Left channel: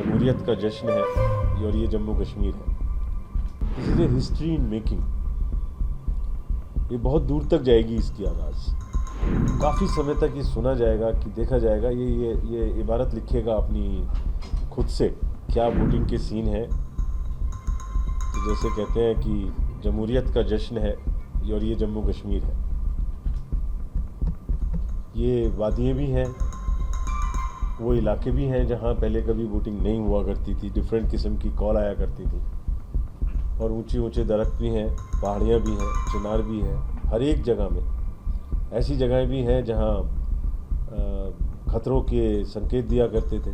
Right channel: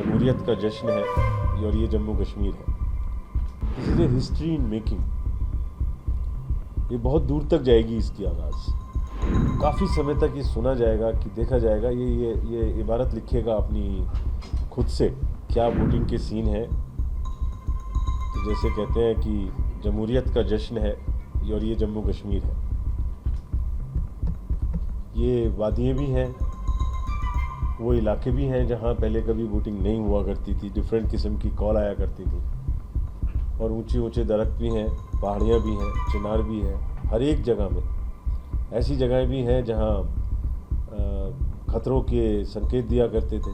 जमहूरियत का जश्न है और ये जम्मू कश्मीर है। This is a history in making. ये बहुत दूर तक जाएगी इसकी आवाज़। काफ़ी समय तक ये सुना जाएगा कि देखा जाएगा। ये इबारत लिखेगा अपनी खुद से, क्या वोटिंग के सीन है। तो जैसे कहते हैं कि जमहूरियत का जश्न है और ये जम्मू कश्मीर है। ये वादियाँ भी हैं, वो इलाके भी हैं जहाँ पहले कभी वोटिंग नहीं हुआ करती थी, डिफरेंट किस्म की कॉल आया करती थी। और ऊंचे ऊंचे दरख्त भी हैं, पहाड़ियाँ भी हैं, चिनार भी हैं, हर एक जगह में। ऐसी जगहें भी हैं जहाँ खतरों के संकेत दिया करते थे।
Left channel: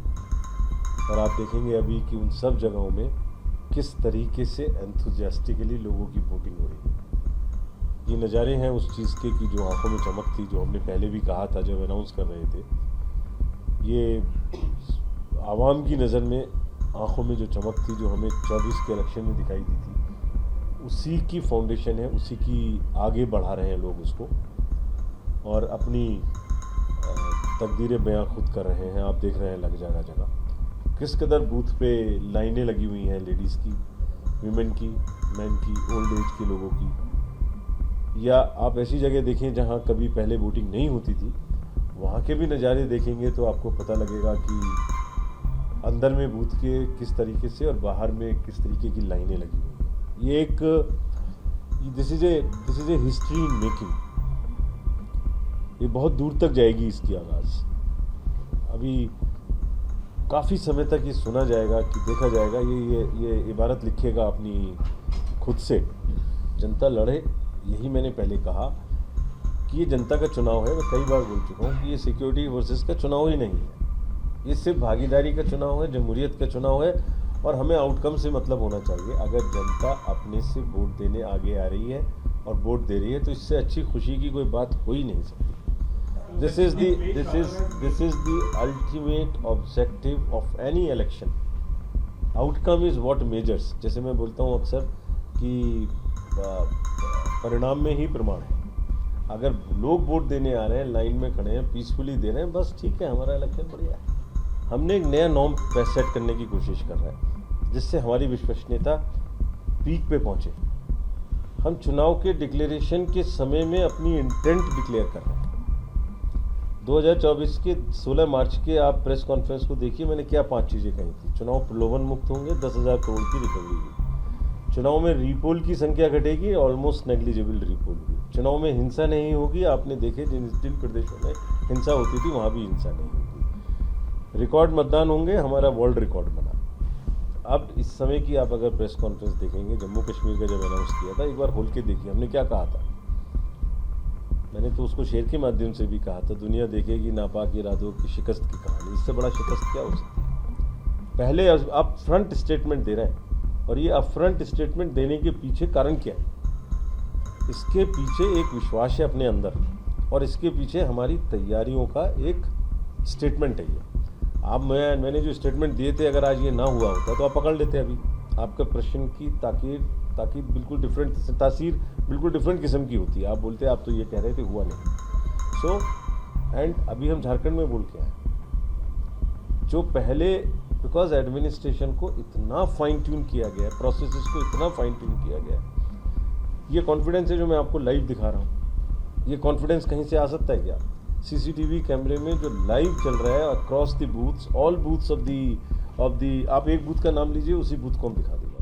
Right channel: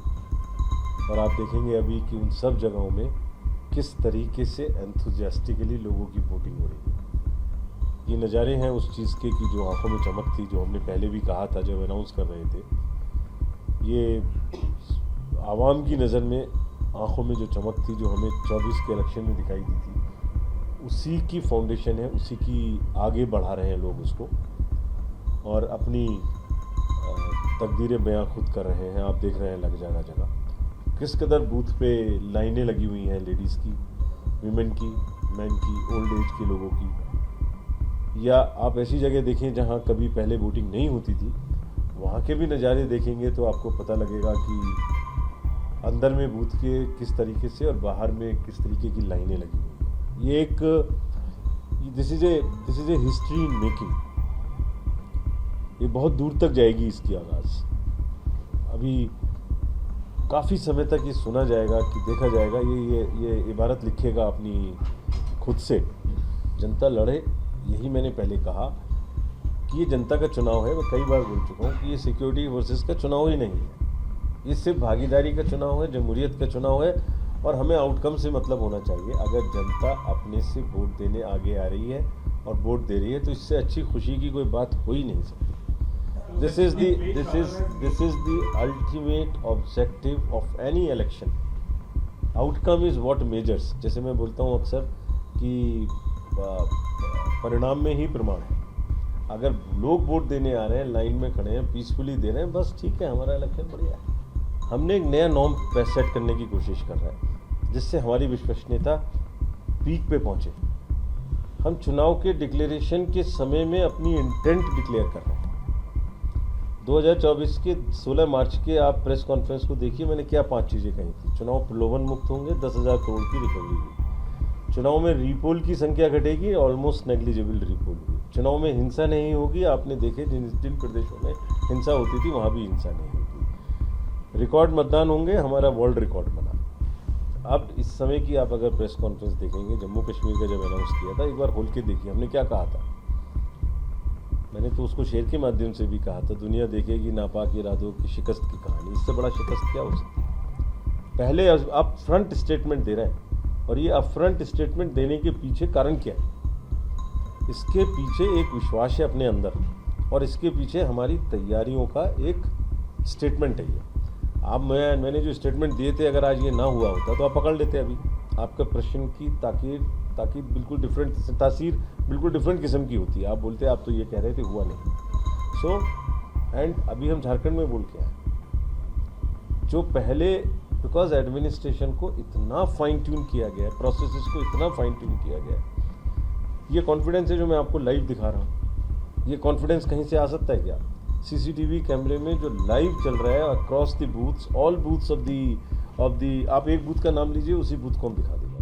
और आप देखेंगे अभी कि उन सब जगहों में किस तरीके से एंथुजियास्टिकली लोगों की वोटिंग हो रही है। ये नज़ारे हैं उस चीज़ के कि जो आंखों में चमक थी, जो हमने पहले भी कहा था जब अनाउंस कर रहे थे। ये आवाम की नज़र में आंखों में जो चमक थी, जो हमें 24 के इलेक्शन में दिखाई दी थी, उसी की फाउंडेशन है, उसी की आगे बढ़ा रहे हैं लोग उसको। और अपनी तकदीरें बयां खुद कर रहे हैं। आप देख रहे हैं लग जगह जगह किस कदर बूथ पे लाइनें लगी हुई हैं, लेडीज़ की, वीमेन की, मैन की, ओल्ड एज के लोगों की। या आप ऐसी जगह देखें जहां कभी पहले वोटिंग नहीं होती थी, वहाँ के भी नज़ारे देखेंगे तो आपको पता लगेगा कि अंदर में बूथ के किस तरीके से और बाहर में किस तरीके की लाइनें लगी हुई हैं। ये एक this is a history in making. ये बहुत दूर तक जाएगी इसकी आवाज़। अभी काफ़ी समय तक ये सुना जाएगा कि देखा जाएगा। ये इबारत लिखेगा अपनी खुद से, जनता लड़े। यही मैंने पहले कहा कि ये जनता का चुनाव है। मैं कई बार बोल चुका हूँ कि ये सिक्योरिटी वर्सेस का चुनाव ही नहीं है, ये सिर्फ भागीदारी का चुनाव है, जमहूरियत का चुनाव है। और हमें आउटकम से मतलब होना चाहिए। अगर जनता अपने से वोट देने आगे आ रही है और वोट दे रही है तो इससे अच्छी खुशी की कोई बात हो ही नहीं सकती। This is the ultimate objective of any election. Outcome is what measures. जैसे मैं बोलता हूँ अक्सर कि परिणाम में ही प्रमाण है। अगर लोग वोट देने आ रहे हैं, लाइन में खड़े हैं, पीसफुली दे रहे हैं, बस ठीक है, हमारा इलेक्शन बढ़िया है। हमने एक नया नॉर्म सेट करने की कोशिश कर रहे हैं जिससे हमारी विश्वसनीयता पीक पे पहुंचे। हम चुनाव के डिक्लेरेशन के समय में अपनी इंटेंट डिक्लेयर कर रहे हैं। 2024 के 16 मार्च के आप प्रेस कॉन्फ्रेंस को देखिए, मैंने क्या 5 चीज़ें कही थी। चुनाव प्रलोभन मुक्त होंगे, 10,000 करोड़ की रिकवरी हुई। चुनाव में रीपोल की संख्या घटेगी, ऑलमोस्ट नेग्लिजिबल रीपोल हुई। चुनाव में हिंसा नहीं होगी। आपने देखे जिन प्रदेशों में हिंसा होती थी वहाँ भी हिंसा नहीं होगी। रिकॉर्ड मतदान होंगे, हमारा वर्ल्ड रिकॉर्ड बना। अब इस समय की आप अगर प्रेस कॉन्फ्रेंस देखेंगे, जम्मू कश्मीर का जब अनाउंस किया था, एक बार खोल के देखिए हमने क्या कहा था। मैंने तो उसको शेयर के माध्यम से भी कहा था, दुनिया देखेगी नापाक इरादों की शिकस्त की कहानी। इससे बड़ा शिकस्त क्या हो सकती है। पहले आप फ्रंट स्टेटमेंट दे रहे हैं और ये अपफ्रंट स्टेटमेंट देने के पीछे कारण क्या है। इसके पीछे एक विश्वास है अपने अंदर और इसके पीछे हमारी तैयारियों का एक स्टेटमेंट है। ये आप मैंने जो स्टेटमेंट दिए थे, अगर आज ये ना हुआ होता तो आप पकड़ लेते। अभी आपका प्रश्न की ताकीद बिल्कुल डिफरेंट, तासीर बिल्कुल डिफरेंट किस्म की होती है। आप बोलते आप तो ये कह रहे थे, हुआ नहीं। एंड अभी हम झारखंड में बोल के आए जो पहले, बिकॉज एडमिनिस्ट्रेशन को इतना फाइन ट्यून किया गया है, प्रोसेसेस को इतना फाइन ट्यून किया गया है। ये कॉन्फिडेंस है जो मैं आपको लाइव दिखा रहा हूँ। ये कॉन्फिडेंस कहीं से आ सकता है क्या। सीसीटीवी कैमरे में जो लाइव चल रहा है across the booths, all booths of the आप एक बूथ का नाम लीजिए, उसी बूथ को हम दिखा देंगे।